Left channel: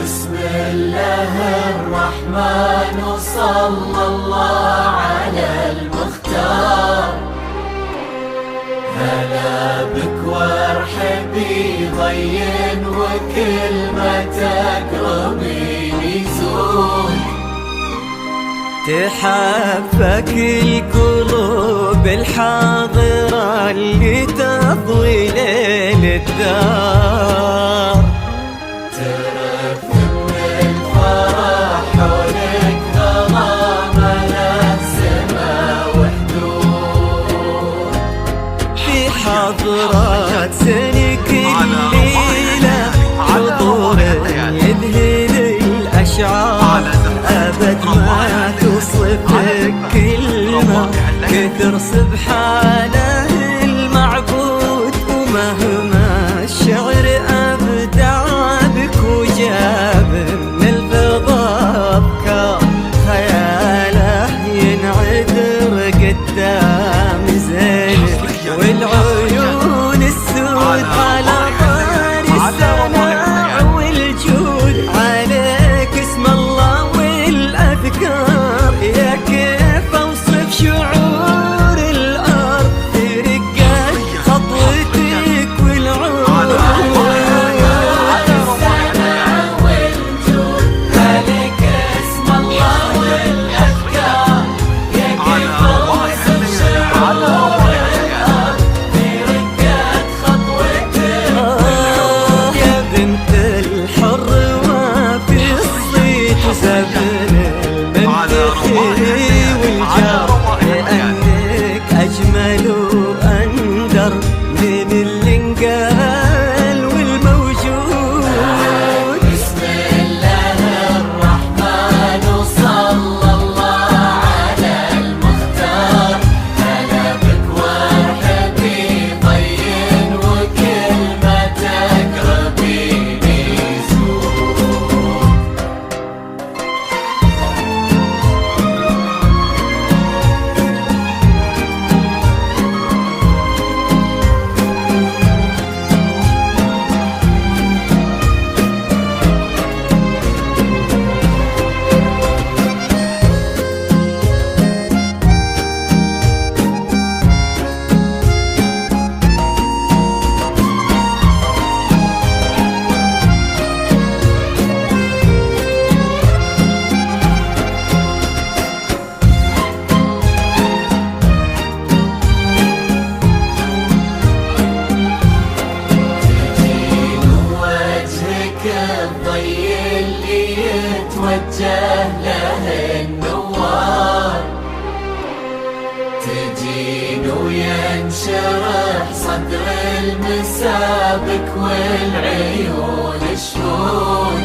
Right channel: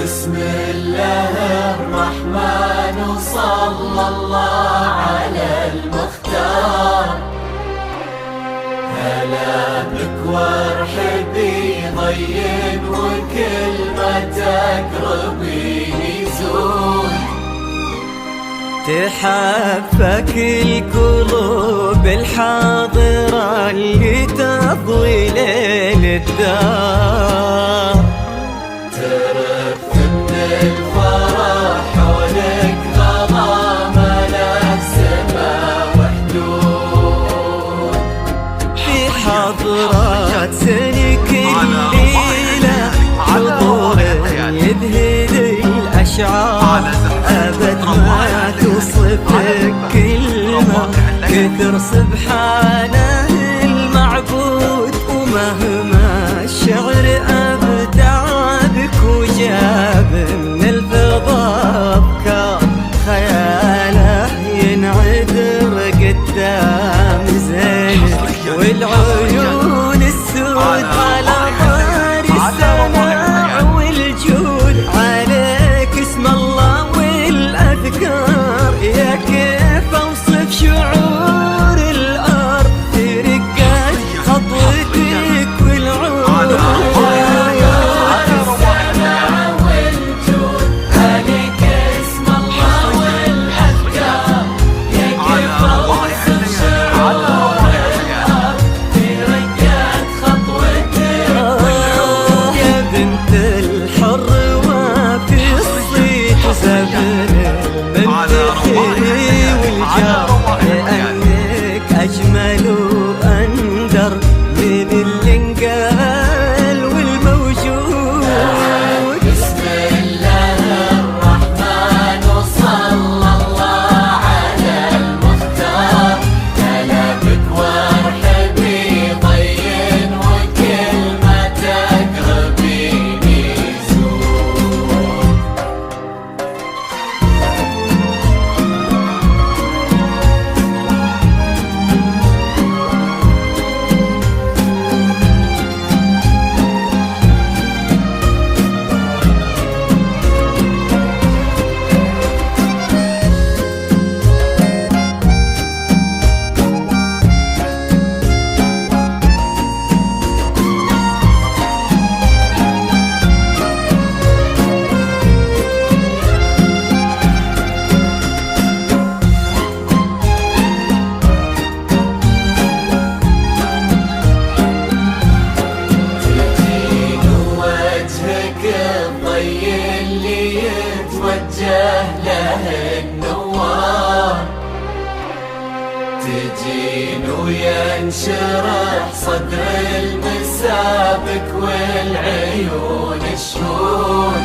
بسم الله الرحمن وصلى الله على المختار. هلا بك وارحبي ضين وكل ما تقربي يزول. تحفك القلوب الحاضرة اللي تضوي ليل الدار. حضرات سنك الليلة حضور يذهل الأشعار. أبد ما توصفك كلمة كثر سبحانه المعبود. ومهما الشعر أبدع بك وجاب من الفضاء أفكار، خياله ينعذر قدام زينك والعيون السود على طار السماع والجود. عليك اسم الله والأذكار، يا كيف أوصف شعور الأرض ترقات خطوتك والعود. الحر وفي الصيت زبن المنتخي والجار، لأنك أجمل وأندر من اللي انقال والموجود. بسم الله الرحمن وصلى الله على المختار. هلا بك وارحبي ضين وكل ما تقربي. له النوار تجين وينشرح صدر المسابك والعيون الشهود.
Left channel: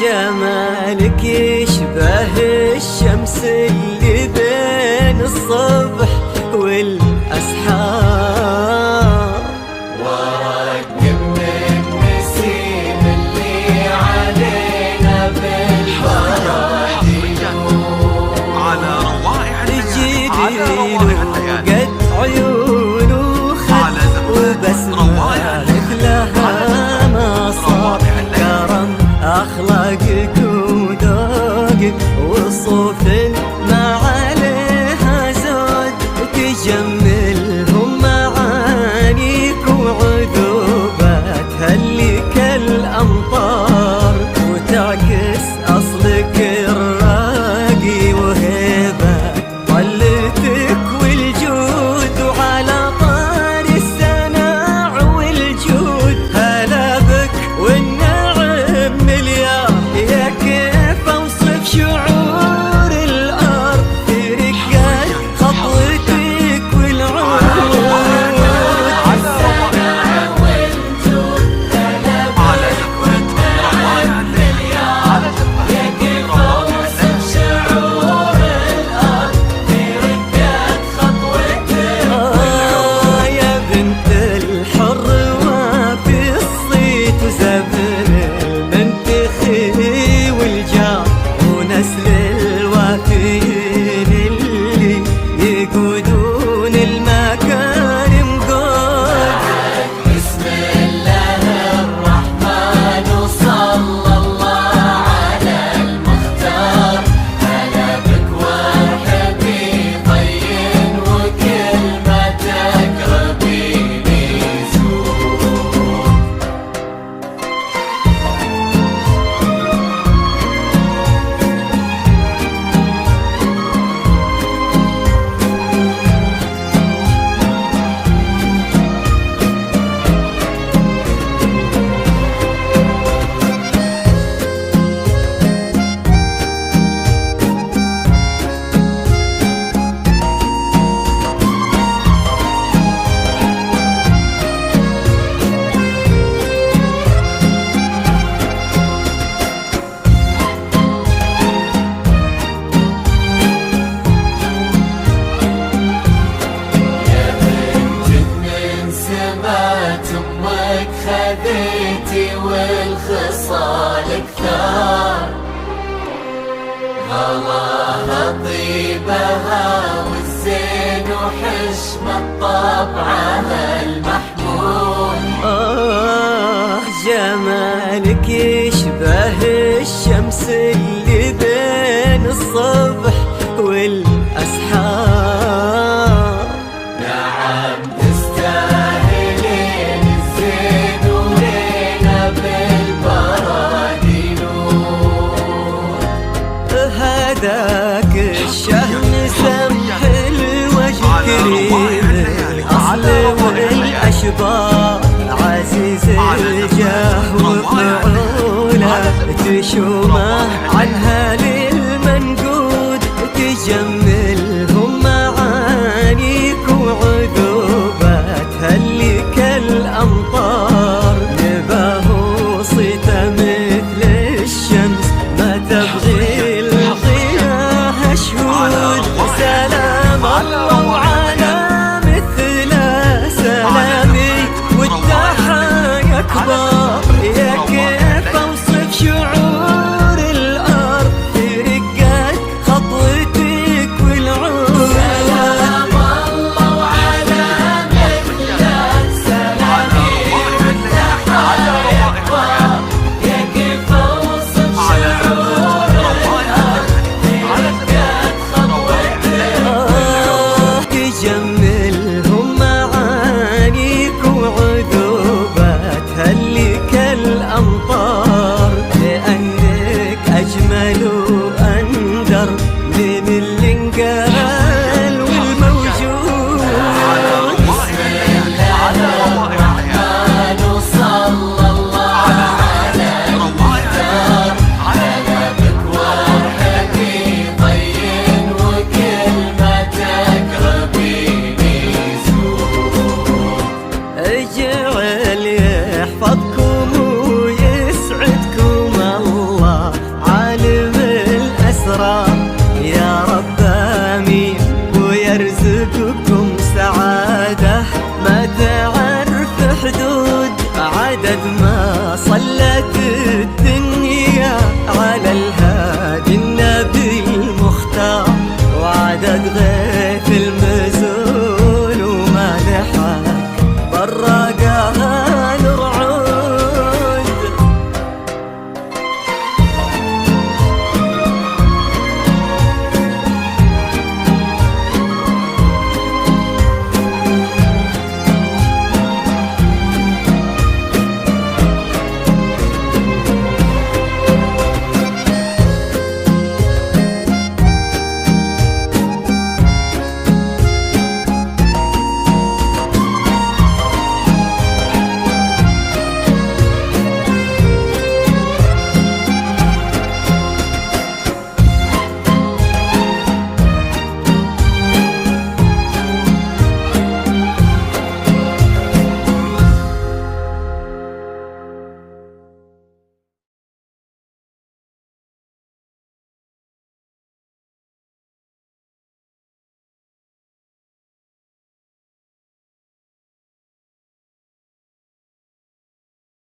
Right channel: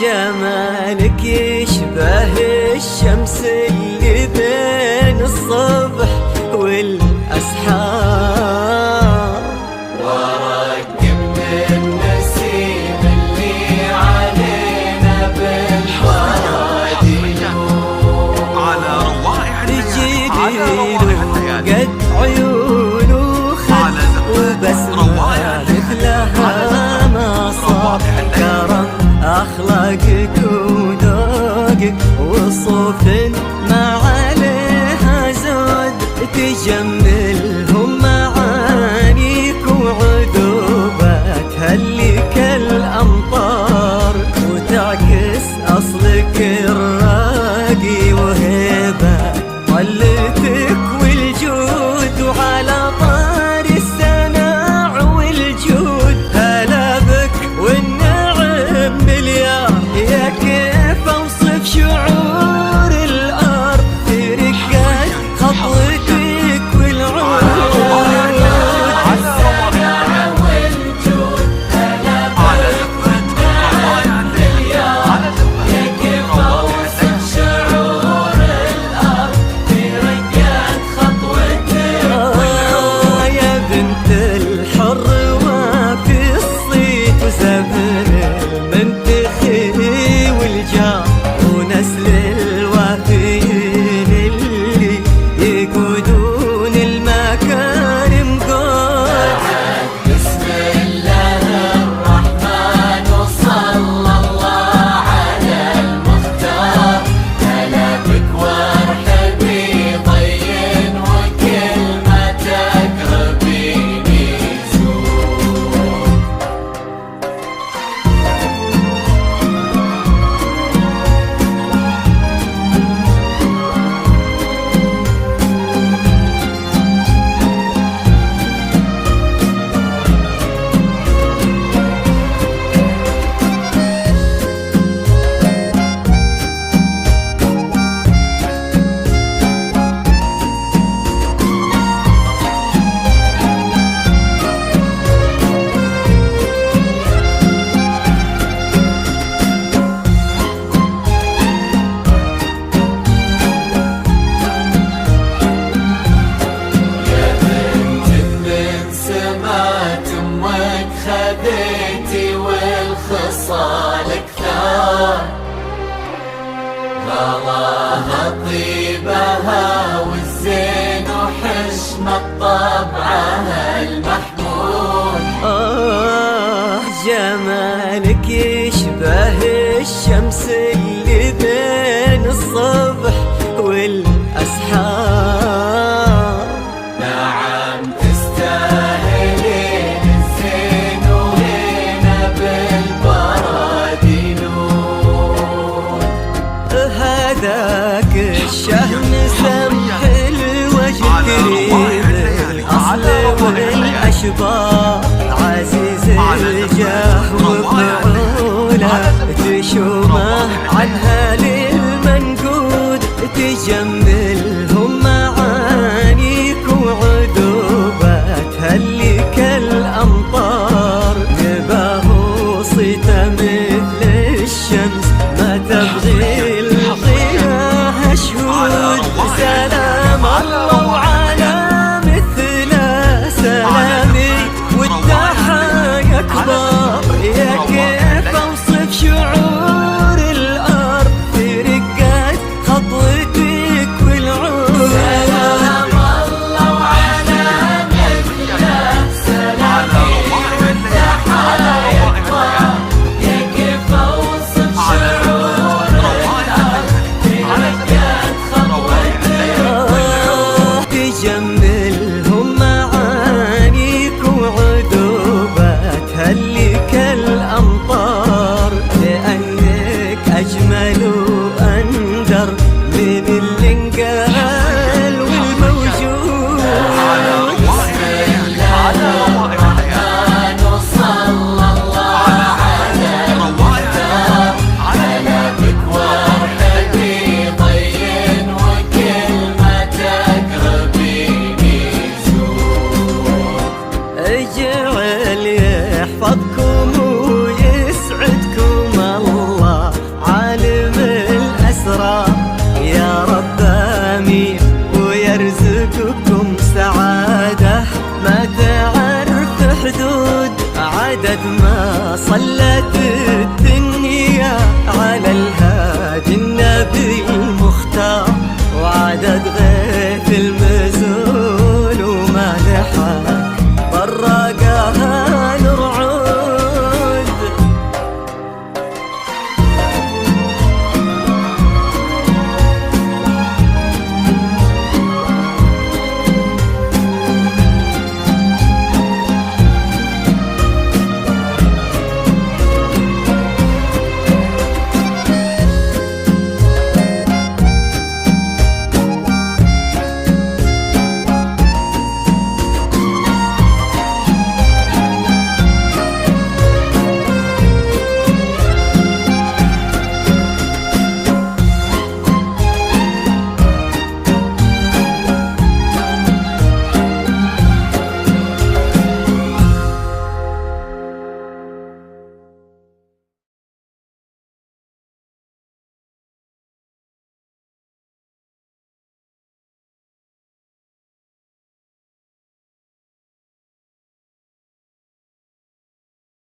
جمالك يشبه الشمس اللي بين الصبح والأسحار. قد عيونه خد وبسمالك لها ما صار. كرم أخلاقك وذوقك وصوف ما عليها زود. تجملهم معانيك وعذوبات هلي كالأمطار، وتعكس أصلك الراقي وهيبات طلتك والجود. وعلى طار السماع والجود هلا بك والنار. الحر وفي الصيت وزبن المنتخي والجار ونسل الوافيين اللي يقودون المكارم قود. بسم الله الرحمن وصلى الله على المختار، هلا بك وارحبي ضين وكل ما تقربيني زور. خذيتي والخصال كثار، غلاها طيبها والزين وحشمة طبعها المحمود. جمالك يشبه الشمس اللي بين الصبح والأسحار. نعم تستاهلين الزين ولينا بالبرادي نور. هذاك الشهم سمح الوجه كريم الأصل والأشبار، عزيز الجاه وفعوله تشومه عنها للمنقود، تجملهم معانيك وعذوباتها اللي كالأمطار. نباه صيته مثل الشمس ما تبغي الضياء شهود. سلام الله وعلى مثله سلامي والتحايا كبار، يا كيف اوصف شعور الارض في رقات خطوتك والعود. تجملهم معانيك وعذوباتها اللي كالأمطار، لأنك أجمل وأندر من اللي انقال والموجود. على روائع الليالي، على روائع الليالي، وصلى الله على روائع الليالي، على روائع الليالي. ضين وكل ما تقربيني زور. اجعل يحفظكم ويسعدكم الله عالم الأسرار، يا رب آمين ويرزقكم سعادة ما تعرف حدود. عدد ما صلت الدنيا على الهادي النبي المختار، وعدد غيث المزول وما لحق براقها نرعود.